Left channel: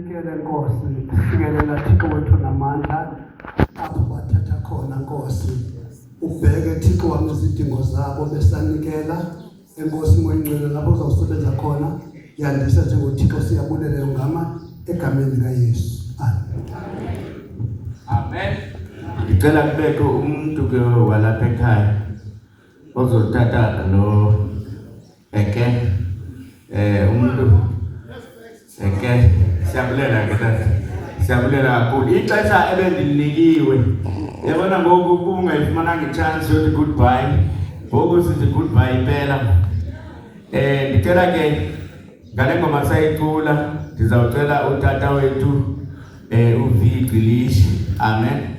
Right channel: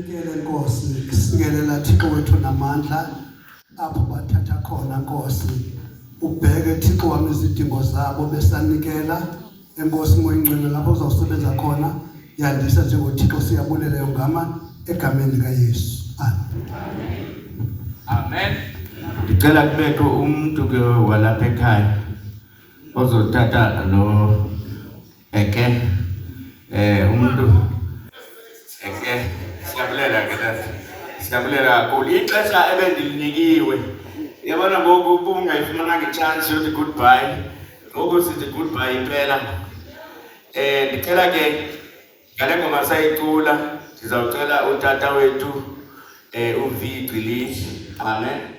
Sinikele Nkosi, sikelela Thixo wethu namandla apho bathatha khona Nkosi. Ubheke Thixo wami izidingo zabo besanikela Enkosi moyingcwele lapho uzawusebenza khona. Yandisa njengoThixo siyabulela ngama egameni likaYesu. Amen. Amen. Ngicela kubekho umuntu ke walapha ekhaya ozothatha lo umuntu siyabulela ke tata. Siyabulela kakhulu. Ixesha ebendilinikiwe. Yabona ngoku ubungayifumana nge-chance yokuthi goodbye. Ngoku sithi goodbye impela. Ngicela ke ngale ngoma sayicula ndizawucela utata wethu uVigilish. Amen.